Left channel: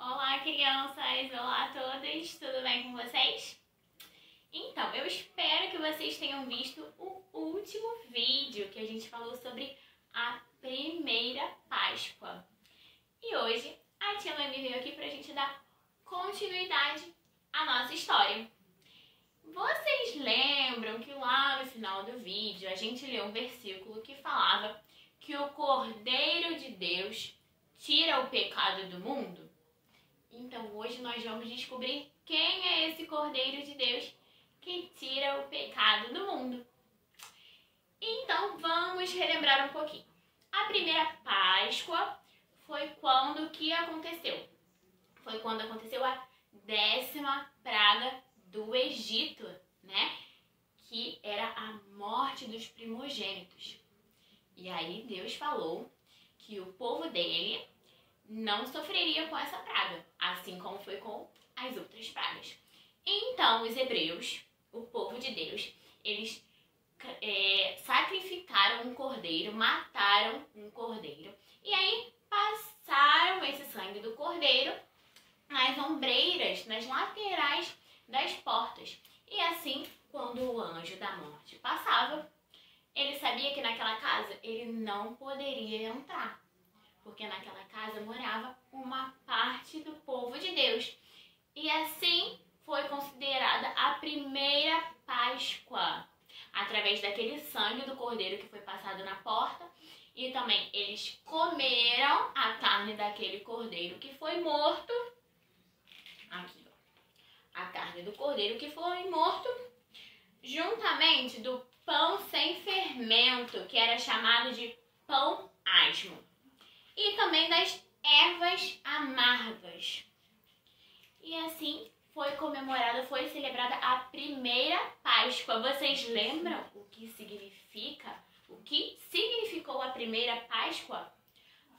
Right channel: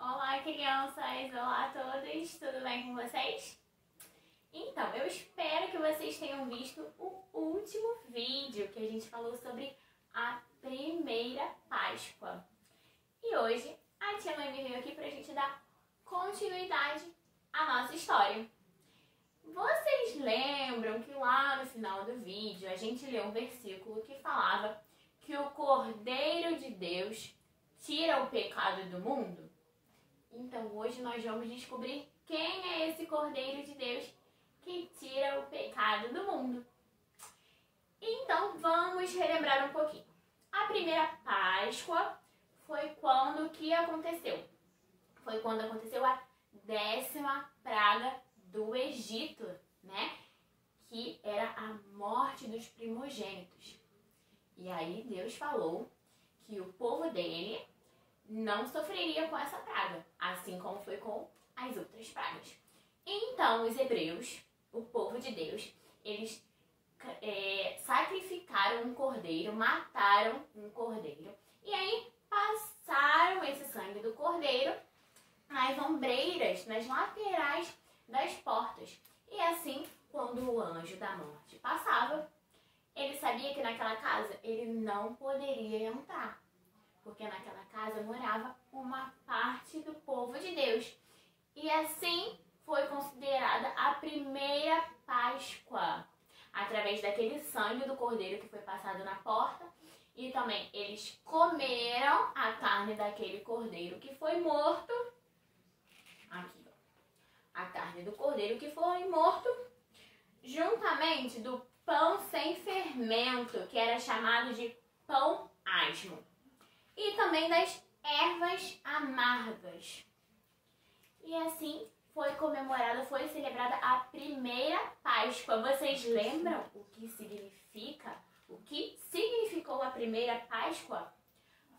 Olá, crianças! Olá a todos! Tudo bem com vocês? Então, eu espero que vocês tenham visto o último vídeo que a gente falou sobre a primeira Páscoa. E hoje a tia Noemi veio aqui pra gente dar continuidade à nossa história. Vocês lembram que lá no final do vídeo a gente leu um versículo que falava que o Cordeiro de Deus tira o pecado do mundo? Então hoje nós vamos descobrir quem é esse Cordeiro de Deus que tira o pecado do mundo. Então vamos relembrar um pouquinho. A primeira Páscoa foi quando que aconteceu? Foi quando aconteceu a 10ª praga do Egito, né? Que era a morte dos primogênitos. E aí Deus falou que o povo dele não sofreria com essa praga, assim como foi com as outras pragas. Então os hebreus, o povo de Deus, eles sacrificaram um cordeiro, mataram um cordeiro, e aí passaram esse sangue do cordeiro nas ombreiras, nas laterais das portas. E assim, quando o anjo da morte passava, ele sabia que naquela casa ele não poderia entrar, porque naquela casa morava uma parte do povo de Deus. E assim foi considerada a primeira Páscoa, através daquele sangue do cordeiro que foi passado na porta. E também eles comeram a carne daquele cordeiro que foi morto. Aqui, ó. A carne do cordeiro que foi morto, juntamente do pão sem fermento, que era chamado de pão asmo, e também das ervas amargas. E assim foi comemorada, foi celebrada a primeira Páscoa. Vocês lembram o que significa? O que significou a primeira Páscoa?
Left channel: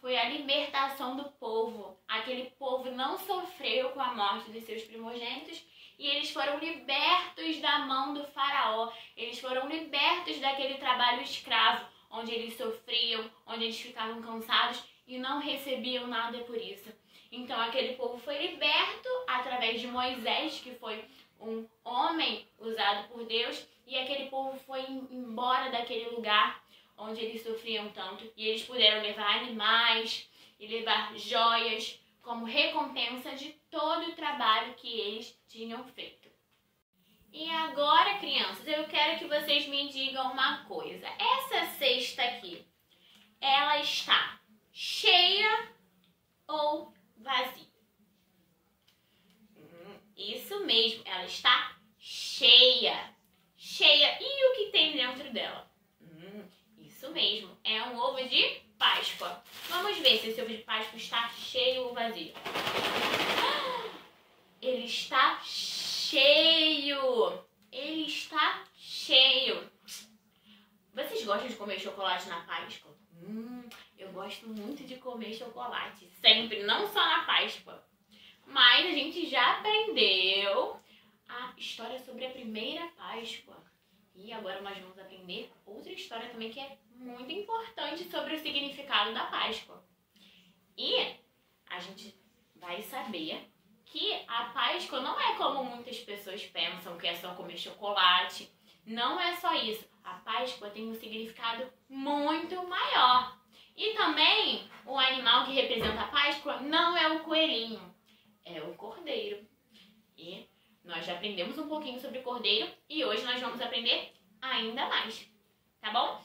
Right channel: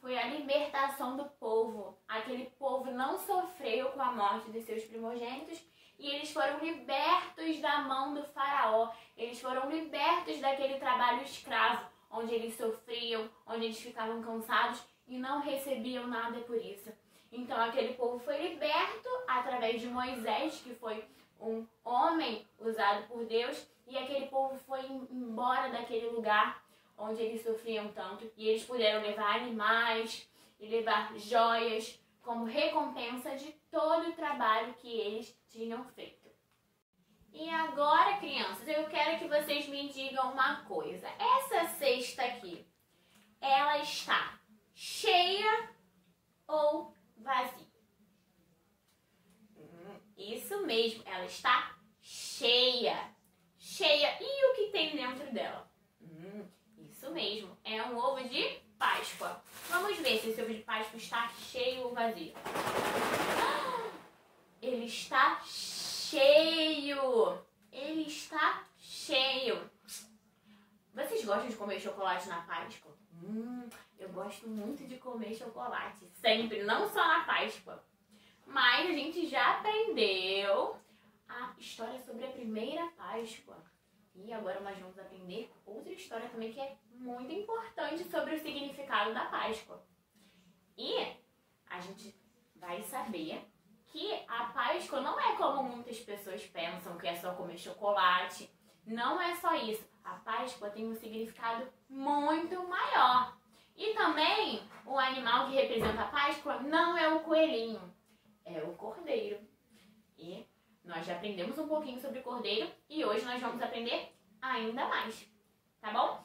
Foi a libertação do povo. Aquele povo não sofreu com a morte dos seus primogênitos e eles foram libertos da mão do faraó. Eles foram libertos daquele trabalho escravo, onde eles sofriam, onde eles ficavam cansados e não recebiam nada por isso. Então aquele povo foi liberto através de Moisés, que foi um homem usado por Deus, e aquele povo foi embora daquele lugar onde eles sofriam tanto, e eles puderam levar animais e levar joias como recompensa de todo o trabalho que eles tinham feito. E agora, crianças, eu quero que vocês me digam uma coisa. Essa cesta aqui, ela está cheia ou vazia? Isso mesmo, ela está cheia. Cheia. E o que tem dentro dela? Isso mesmo, é um ovo de Páscoa. Vamos ver se esse ovo de Páscoa está cheio ou vazio. Ele está cheio. Ele está cheio. Vocês gostam de comer chocolate na Páscoa? Eu gosto muito de comer chocolate, sempre, não só na Páscoa. Mas a gente já aprendeu a história sobre a primeira Páscoa. E agora nós vamos aprender outra história também que é muito importante sobre o significado da Páscoa. E a gente vai saber que a Páscoa não é como muitas pessoas pensam, que é só comer chocolate. Não é só isso. A Páscoa tem um significado muito maior. E também o animal que representa a Páscoa não é o coelhinho, é o cordeiro. E nós já aprendemos um pouquinho sobre o cordeiro e hoje nós vamos aprender ainda mais, tá bom?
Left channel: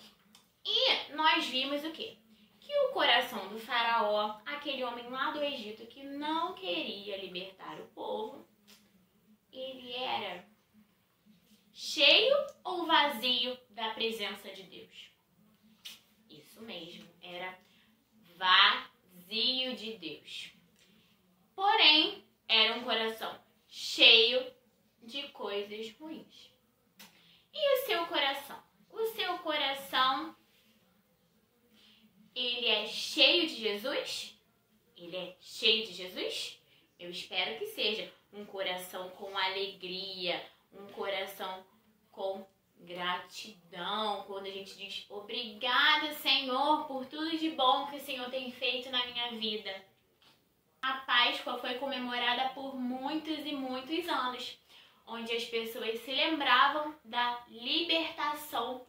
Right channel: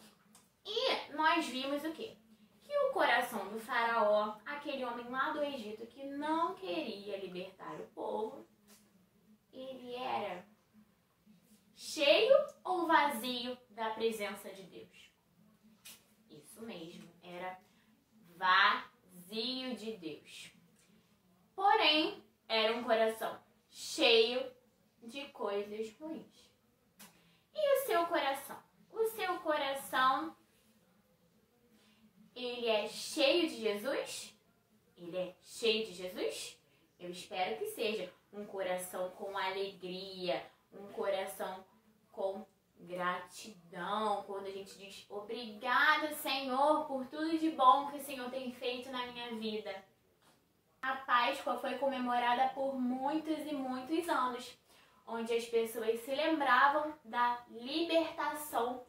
E nós vimos o quê? Que o coração do faraó, aquele homem lá do Egito que não queria libertar o povo, ele era cheio ou vazio da presença de Deus? Isso mesmo, era vazio de Deus. Porém, era um coração cheio de coisas ruins. E o seu coração? O seu coração, ele é cheio de Jesus? Ele é cheio de Jesus? Eu espero que seja um coração com alegria, um coração com gratidão, quando a gente diz obrigada, Senhor, por tudo de bom que o Senhor tem feito na minha vida. A Páscoa foi comemorada por muitos e muitos anos, onde as pessoas se lembravam da libertação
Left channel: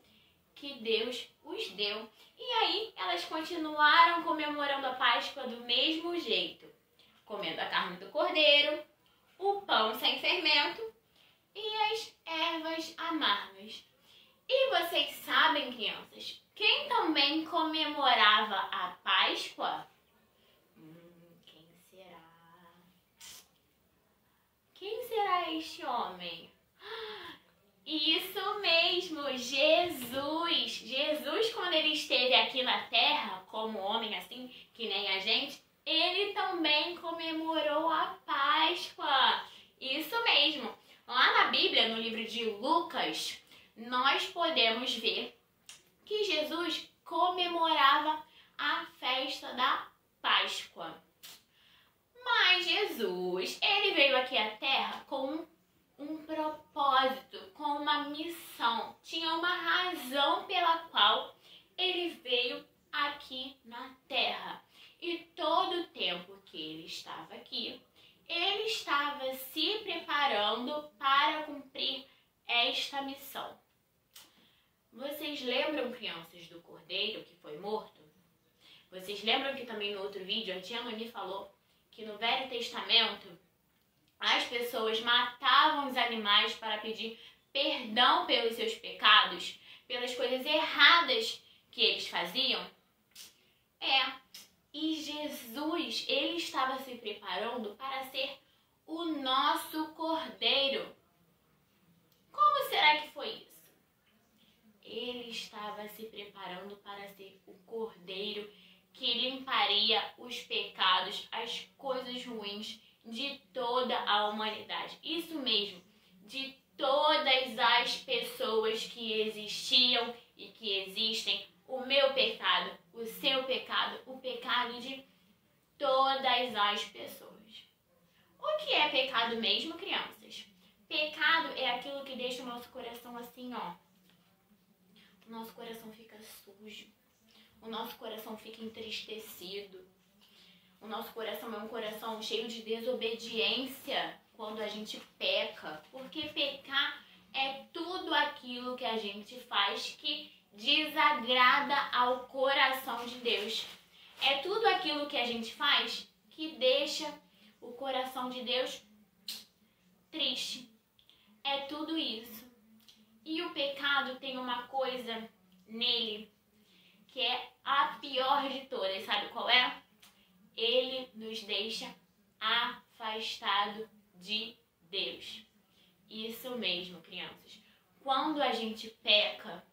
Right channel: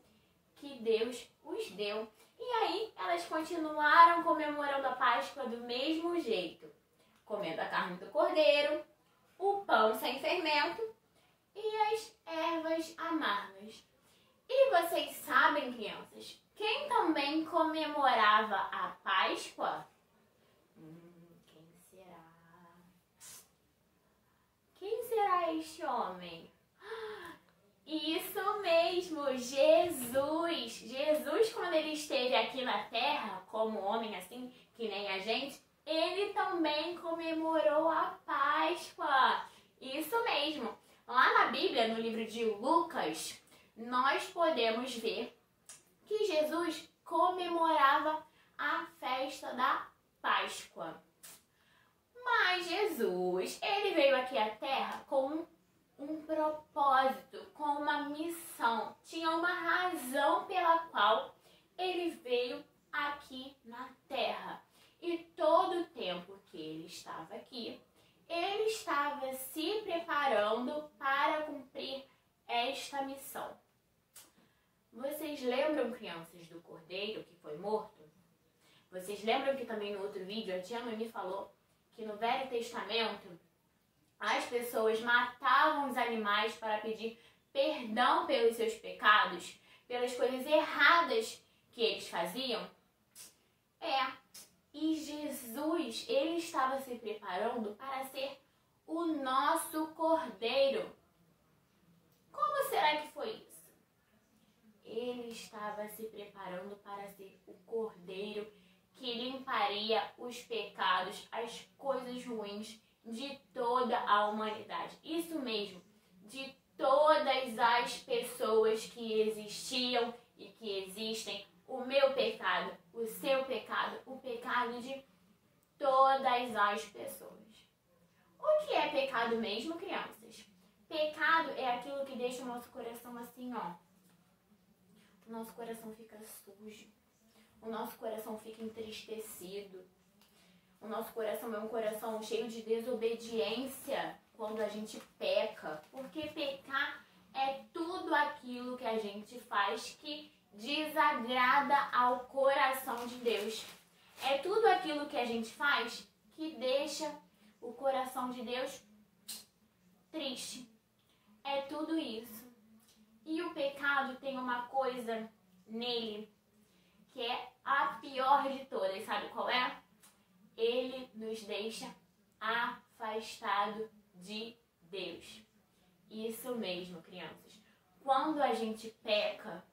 que Deus os deu. E aí elas continuaram comemorando a Páscoa do mesmo jeito, comendo a carne do cordeiro, o pão sem fermento e as ervas amargas. E vocês sabem, crianças, quem também comemorava a Páscoa? Quem será? Quem será este homem? Isso mesmo, Jesus! Jesus, quando ele esteve aqui na Terra, como homem assim, que nem a gente, ele também comemorou a Páscoa. Isso mesmo. Lá na Bíblia, no livro de Lucas, nós podemos ver que Jesus comemorava a festa da Páscoa. Mas Jesus, ele veio aqui à Terra com um propósito, com uma missão. Tinha uma razão pela qual ele veio aqui na Terra. E todo o tempo que ele estava aqui, ele estava se preparando para cumprir esta missão. Vocês lembram, crianças, do cordeiro que foi morto? Vocês lembram que também no outro vídeo a tia Noni falou que no Velho Testamento as pessoas matavam os animais para pedir perdão pelos seus pecados, pelas coisas erradas que eles faziam? E Jesus, ele estava se preparando para ser o nosso cordeiro. Como será que foi isso? Ele estava se preparando para ser o cordeiro que limparia os pecados, as coisas ruins de toda a humanidade. Isso mesmo, de todas as pessoas que existiam e que existem. O meu pecado, o seu pecado, o pecado de todas as pessoas. O que é pecado mesmo, crianças? Pecado é aquilo que deixa o nosso coração assim, ó. O nosso coração fica sujo. O nosso coração fica entristecido. O nosso coração é um coração cheio de desobediência quando a gente peca. Porque pecar é tudo aquilo que a gente faz que desagrada ao coração de Deus. É tudo aquilo que a gente faz que deixa o coração de Deus triste. É tudo isso. E o pecado tem uma coisa nele que é a pior de todas. Sabe qual é? Ele nos deixa afastado de Deus. Isso mesmo, crianças. Quando a gente peca,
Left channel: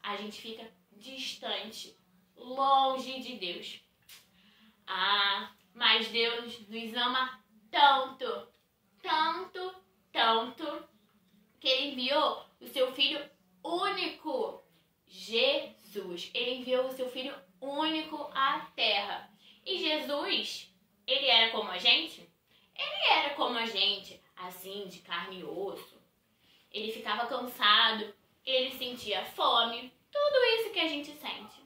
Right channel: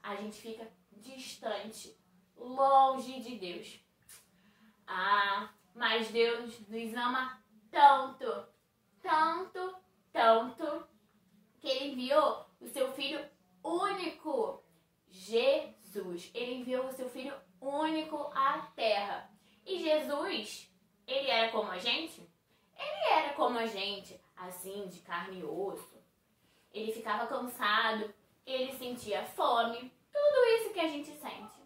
a gente fica distante, longe de Deus. Mas Deus nos ama tanto, tanto, tanto, que Ele enviou o seu Filho único, Jesus. Ele enviou o seu Filho único à Terra. E Jesus, Ele era como a gente? Ele era como a gente, assim, de carne e osso. Ele ficava cansado, ele sentia fome, tudo isso que a gente sente.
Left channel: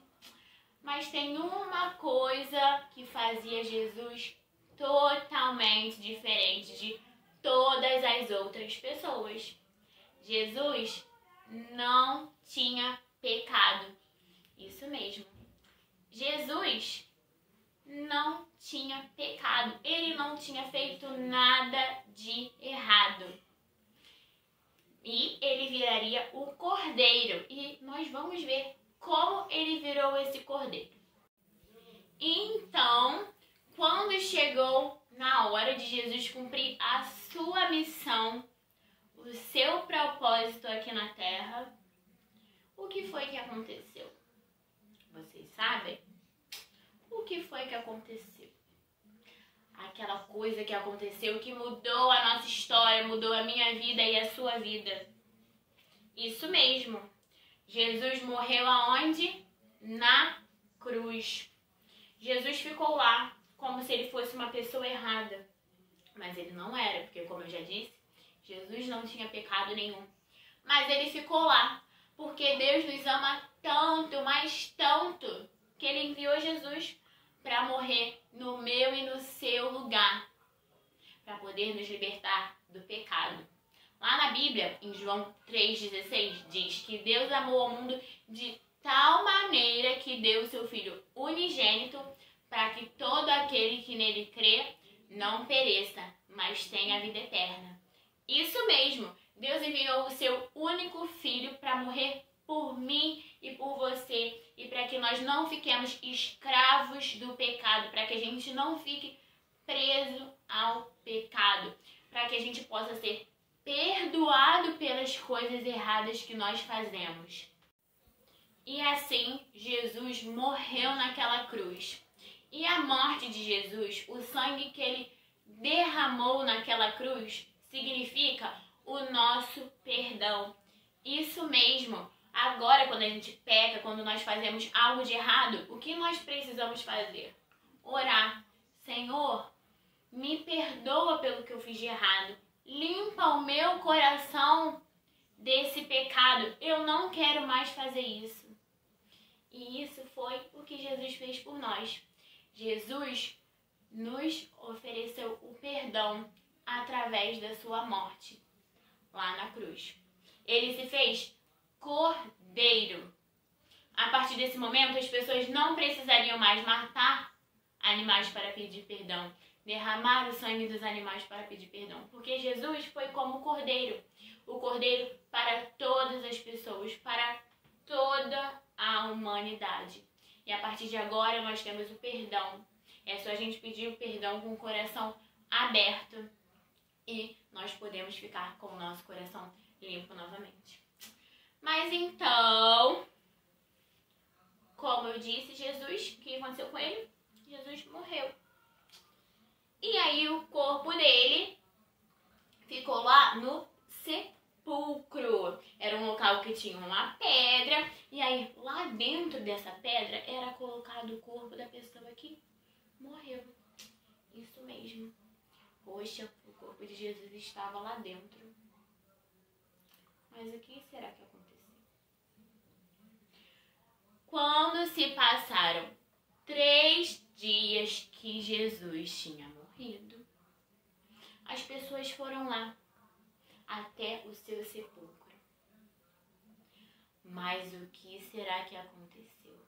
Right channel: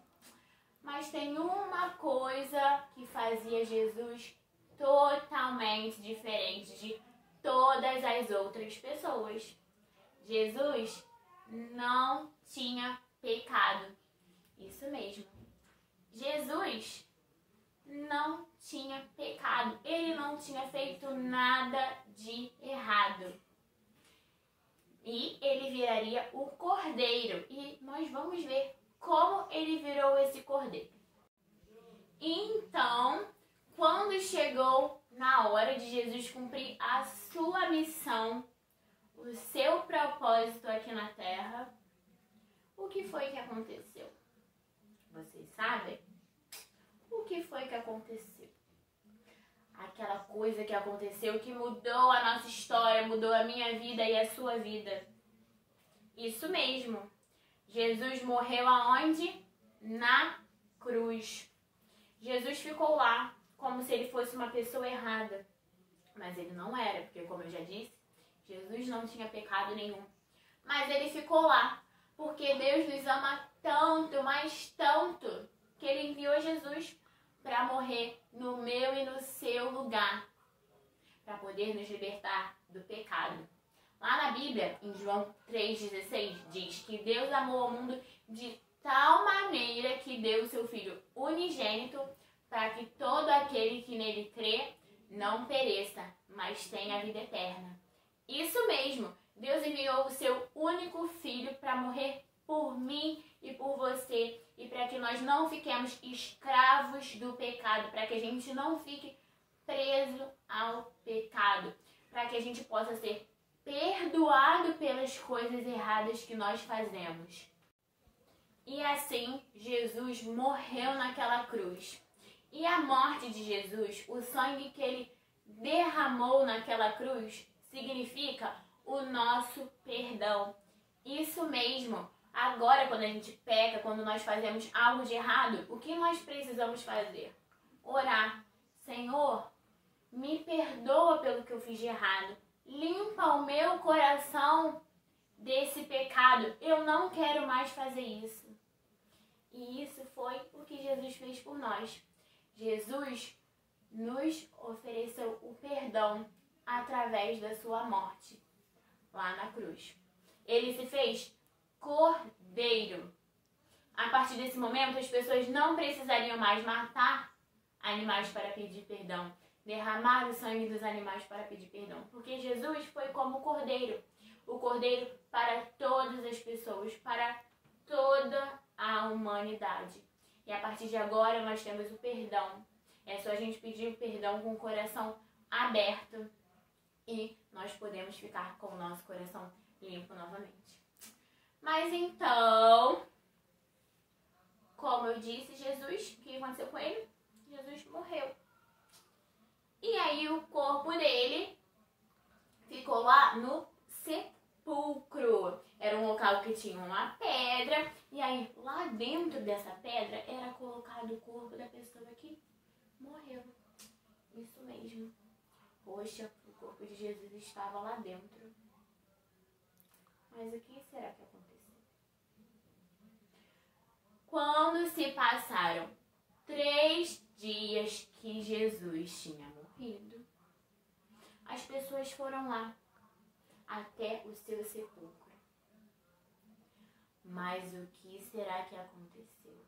Mas tem uma coisa que fazia Jesus totalmente diferente de todas as outras pessoas. Jesus não tinha pecado. Isso mesmo. Jesus não tinha pecado. Ele não tinha feito nada de errado. E ele viraria o cordeiro. E nós vamos ver como ele virou esse cordeiro. Então, quando chegou na hora de Jesus cumprir a sua missão, o seu propósito aqui na Terra, o que foi que aconteceu? Vocês sabem? O que foi que aconteceu? Aquela coisa que aconteceu que mudou a nossa história, mudou a minha vida e a sua vida. Isso mesmo. Jesus morreu aonde? Na cruz. Jesus ficou lá como se ele fosse uma pessoa errada. Mas ele não era, porque como eu já disse, Jesus não tinha pecado nenhum. Mas ele ficou lá, porque Deus nos ama tanto, mas tanto, que ele enviou Jesus para morrer no meu e no seu lugar, para poder nos libertar do pecado. Lá na Bíblia, em João 3,16, diz que Deus amou o mundo de tal maneira que deu o seu Filho unigênito para que todo aquele que nele crê não pereça, mas tenha a vida eterna. Isso mesmo, Deus enviou o seu único Filho para morrer por mim e por você, e para que nós não fiquemos escravos do pecado, para que a gente não fique preso ao pecado, para que a gente possa ser perdoado pelas coisas erradas que nós fazemos. E assim, Jesus morreu naquela cruz. E a morte de Jesus, o sangue que ele derramou naquela cruz, significa o nosso perdão. Isso mesmo. Agora, quando a gente peca, quando nós fazemos algo de errado, o que nós precisamos fazer? Orar. Senhor, me perdoa pelo que eu fiz de errado. Limpa o meu coração desse pecado. Eu não quero mais fazer isso. E isso foi o que Jesus fez por nós. Jesus nos ofereceu o perdão através da sua morte lá na cruz. Ele se fez cordeiro. A partir desse momento, as pessoas não precisariam mais matar animais para pedir perdão, derramar o sangue dos animais para pedir perdão, porque Jesus foi como o cordeiro para todas as pessoas, para toda a humanidade. E a partir de agora nós temos o perdão. É só a gente pedir o perdão com o coração aberto e nós podemos ficar com o nosso coração limpo novamente. Mas então, como eu disse, Jesus, o que aconteceu com ele? Jesus morreu. E aí o corpo dele ficou lá no sepulcro. Era um local que tinha uma pedra. E aí lá dentro dessa pedra era colocado o corpo da pessoa que morreu. Isso mesmo. Poxa, o corpo de Jesus estava lá dentro. Mas o que será que aconteceu? Quando se passaram 3 dias que Jesus tinha morrido, as pessoas foram lá até o seu sepulcro. Mas o que será que aconteceu?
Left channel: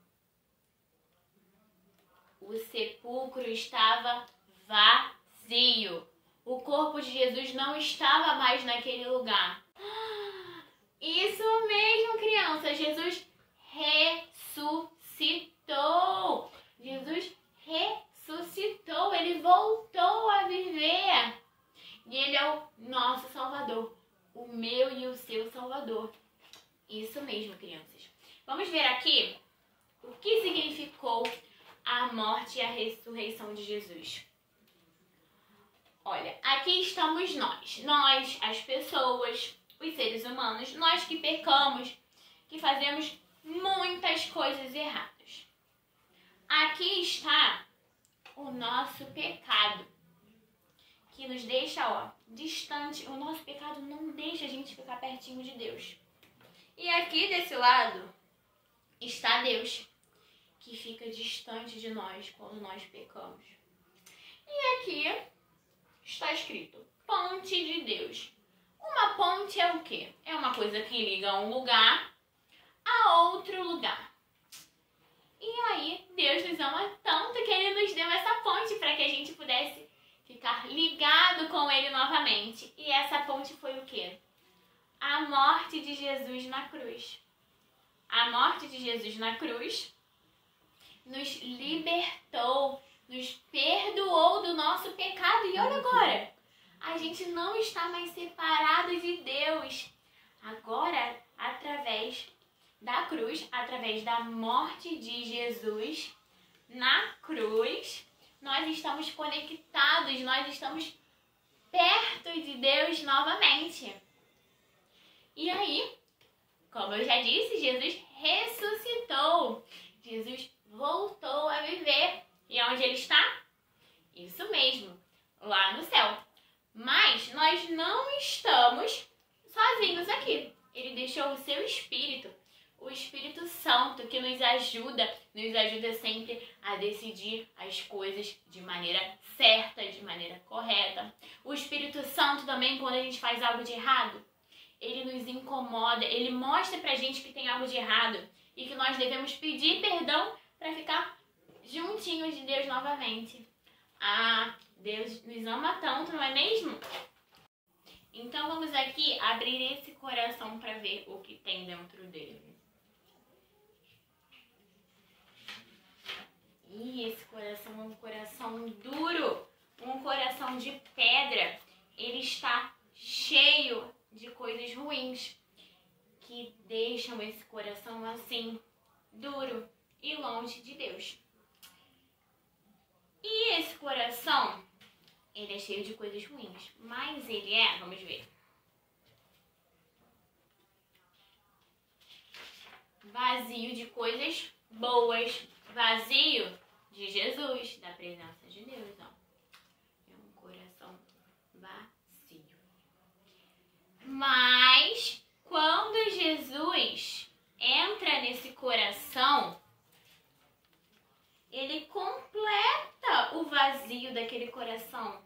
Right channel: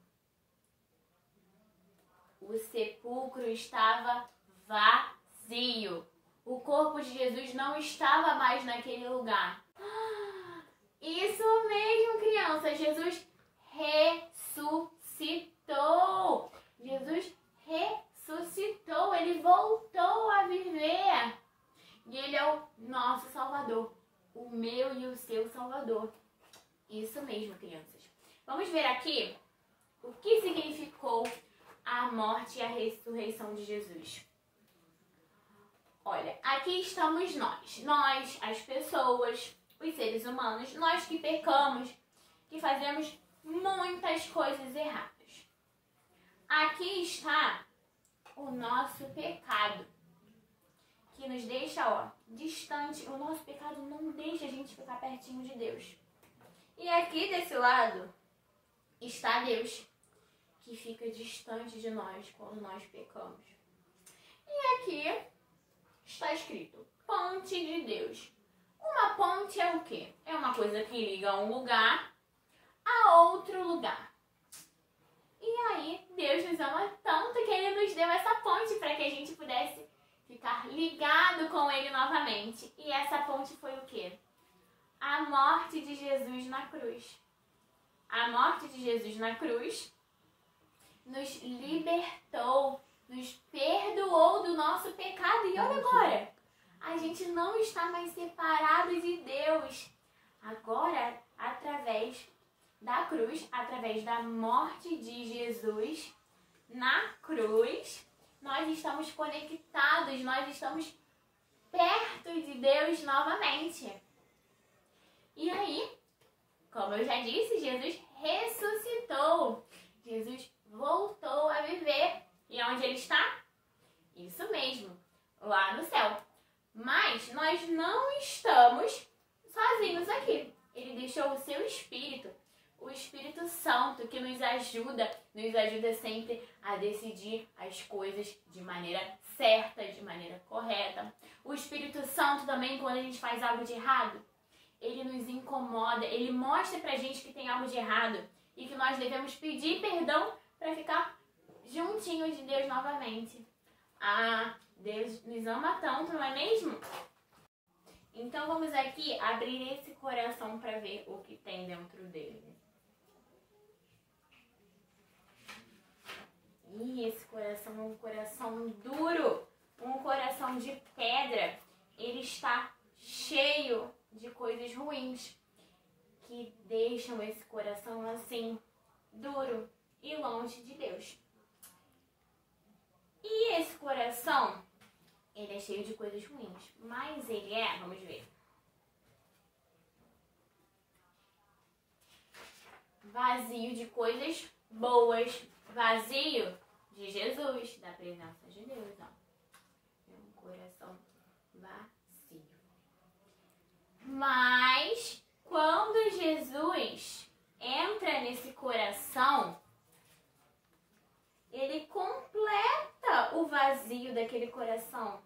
O sepulcro estava vazio. O corpo de Jesus não estava mais naquele lugar. Isso mesmo, criança. Jesus ressuscitou. Jesus ressuscitou. Ele voltou a viver. E ele é o nosso Salvador. O meu e o seu Salvador. Isso mesmo, crianças. Vamos ver aqui o que significou a morte e a ressurreição de Jesus. Olha, aqui estamos nós. Nós, as pessoas, os seres humanos, nós que pecamos, que fazemos muitas coisas erradas. Aqui está o nosso pecado, que nos deixa, distante. O nosso pecado não deixa a gente ficar pertinho de Deus. E aqui desse lado está Deus, que fica distante de nós quando nós pecamos. E aqui está escrito ponte de Deus. Uma ponte é o quê? É uma coisa que liga um lugar a outro lugar. E aí Deus nos ama tanto que Ele nos deu essa ponte para que a gente pudesse ficar ligado com Ele novamente. E essa ponte foi o quê? A morte de Jesus na cruz. A morte de Jesus na cruz nos libertou, nos perdoou do nosso pecado. E olha agora, a gente não está mais separado de Deus. Agora, através da cruz, através da morte de Jesus na cruz, nós estamos conectados, nós estamos perto de Deus novamente. E aí, como eu já disse, Jesus ressuscitou. Jesus voltou a viver. E onde ele está? Isso mesmo, lá no céu. Mas nós não estamos sozinhos aqui. Ele deixou o seu Espírito. O Espírito Santo que nos ajuda sempre a decidir as coisas de maneira certa, de maneira correta. O Espírito Santo também, quando a gente faz algo de errado, ele nos incomoda, ele mostra pra gente que tem algo de errado e que nós devemos pedir perdão para ficar juntinhos de Deus novamente. Ah, Deus nos ama tanto, não é mesmo? Então vamos aqui abrir esse coração para ver o que tem dentro dele. E esse coração é um coração duro, um coração de pedra. Ele está cheio de coisas ruins que deixam esse coração assim, duro e longe de Deus. E esse coração, ele é cheio de coisas ruins, mas ele é, vamos ver, vazio de coisas boas, vazio de Jesus, da presença de Deus, ó. É um coração vazio. Mas quando Jesus entra nesse coração, ele completa o vazio daquele coração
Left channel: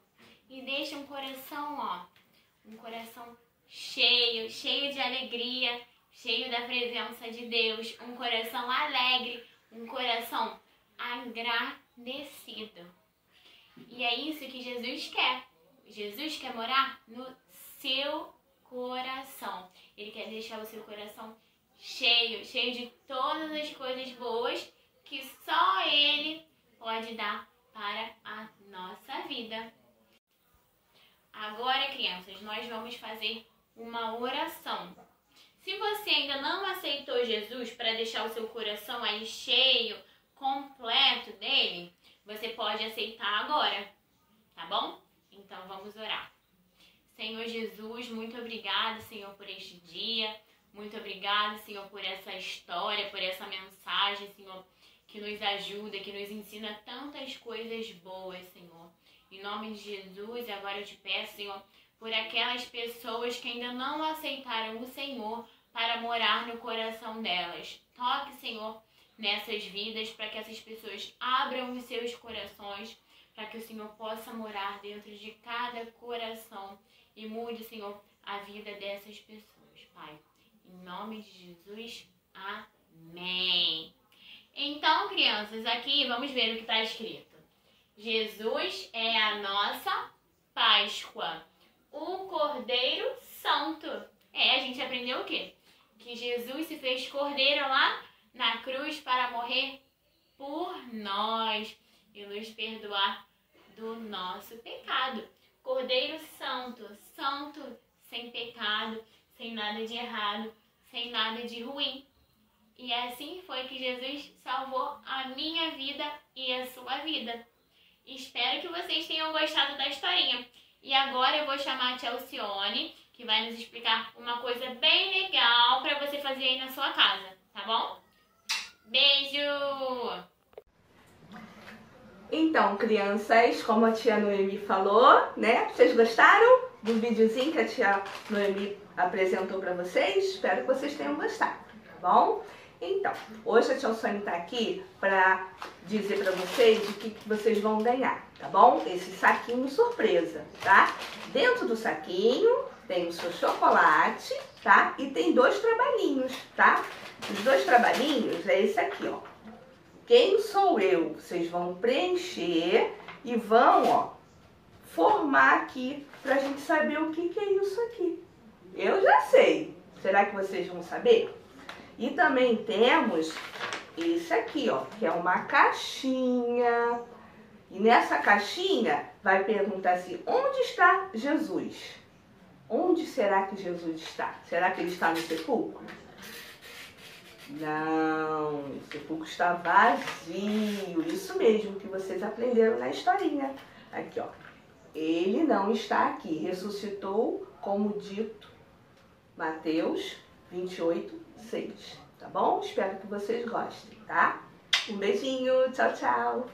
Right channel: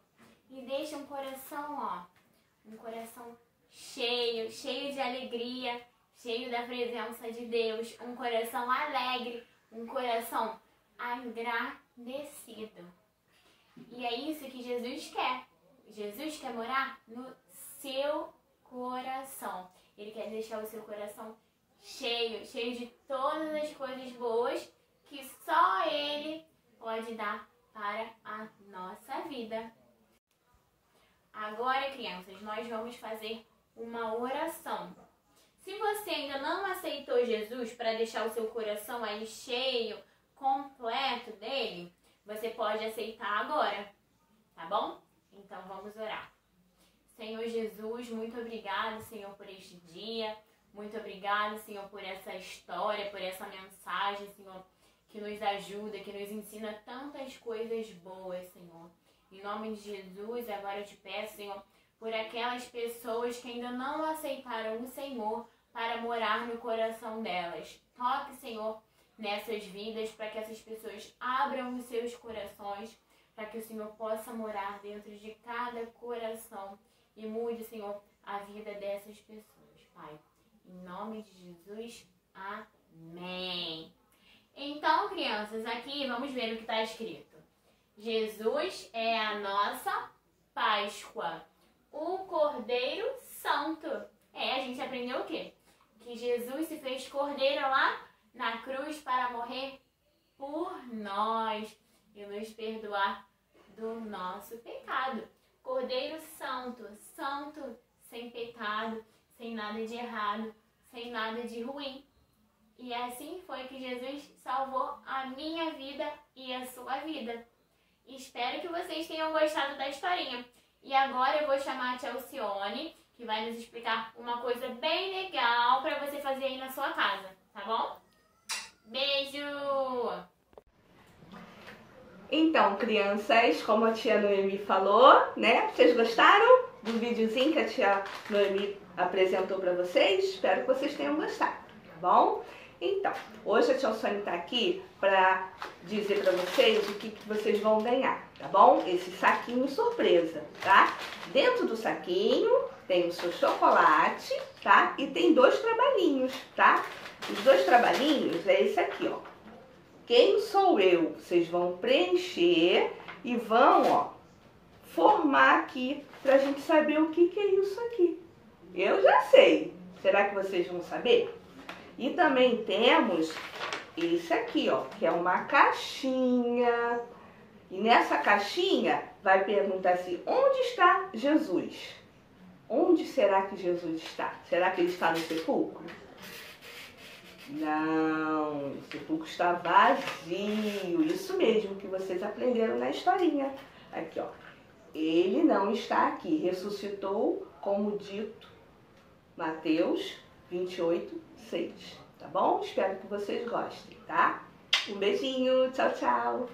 e deixa um coração, ó, um coração cheio de alegria, cheio da presença de Deus, um coração alegre, um coração agradecido. E é isso que Jesus quer. Jesus quer morar no seu coração. Ele quer deixar o seu coração cheio de todas as coisas boas que só Ele pode dar para a nossa vida. Agora, crianças, nós vamos fazer uma oração. Se você ainda não aceitou Jesus para deixar o seu coração aí cheio, completo dele, você pode aceitar agora, tá bom? Então vamos orar. Senhor Jesus, muito obrigada, Senhor, por este dia. Muito obrigada, Senhor, por essa história, por essa mensagem, Senhor, que nos ajuda, que nos ensina tantas coisas boas, Senhor. Em nome de Jesus, agora eu te peço, Senhor, por aquelas pessoas que ainda não aceitaram o Senhor para morar no coração delas. Toque, Senhor, nessas vidas, para que essas pessoas abram os seus corações, para que o Senhor possa morar dentro de cada coração e mude, Senhor, a vida dessas pessoas, Pai. Em nome de Jesus, amém. Então, crianças, aqui vamos ver o que está escrito. Jesus é a nossa Páscoa, o Cordeiro Santo. A gente aprendeu o quê? Que Jesus se fez cordeiro lá na cruz para morrer por nós e nos perdoar do nosso pecado. Cordeiro Santo, santo, sem pecado, sem nada de errado, sem nada de ruim. E assim foi que Jesus salvou a minha vida e a sua vida. Espero que vocês tenham gostado da historinha. E agora eu vou chamar a tia Alcione, que vai nos explicar uma coisa bem legal para você fazer aí na sua casa, tá bom? Beijo! Então, crianças, como a tia Noemi falou, né? Vocês gostaram do videozinho que a tia Noemi apresentou para vocês? Espero que vocês tenham gostado, tá bom? Então, hoje a tia Alcione tá aqui para dizer para vocês o que vocês vão ganhar, tá bom? Esse saquinho surpresa, tá? Dentro do saquinho tem o seu chocolate, tá? E tem 2 trabalhinhos, tá? Os 2 trabalhinhos é esse aqui, ó. Quem sou eu? Vocês vão preencher e vão, ó, formar aqui pra gente saber o que é isso aqui. Eu já sei. Será que vocês vão saber? E também temos esse aqui, ó, que é uma caixinha. E nessa caixinha vai perguntar assim, onde está Jesus? Onde será que Jesus está? Será que ele está no sepulcro? Não, o sepulcro está vazio. Isso mesmo que vocês aprenderam na historinha. Aqui, ó. Ele não está aqui. Ressuscitou, como dito, Mateus 28:6. Tá bom? Espero que vocês gostem, tá? Um beijinho. Tchau, tchau.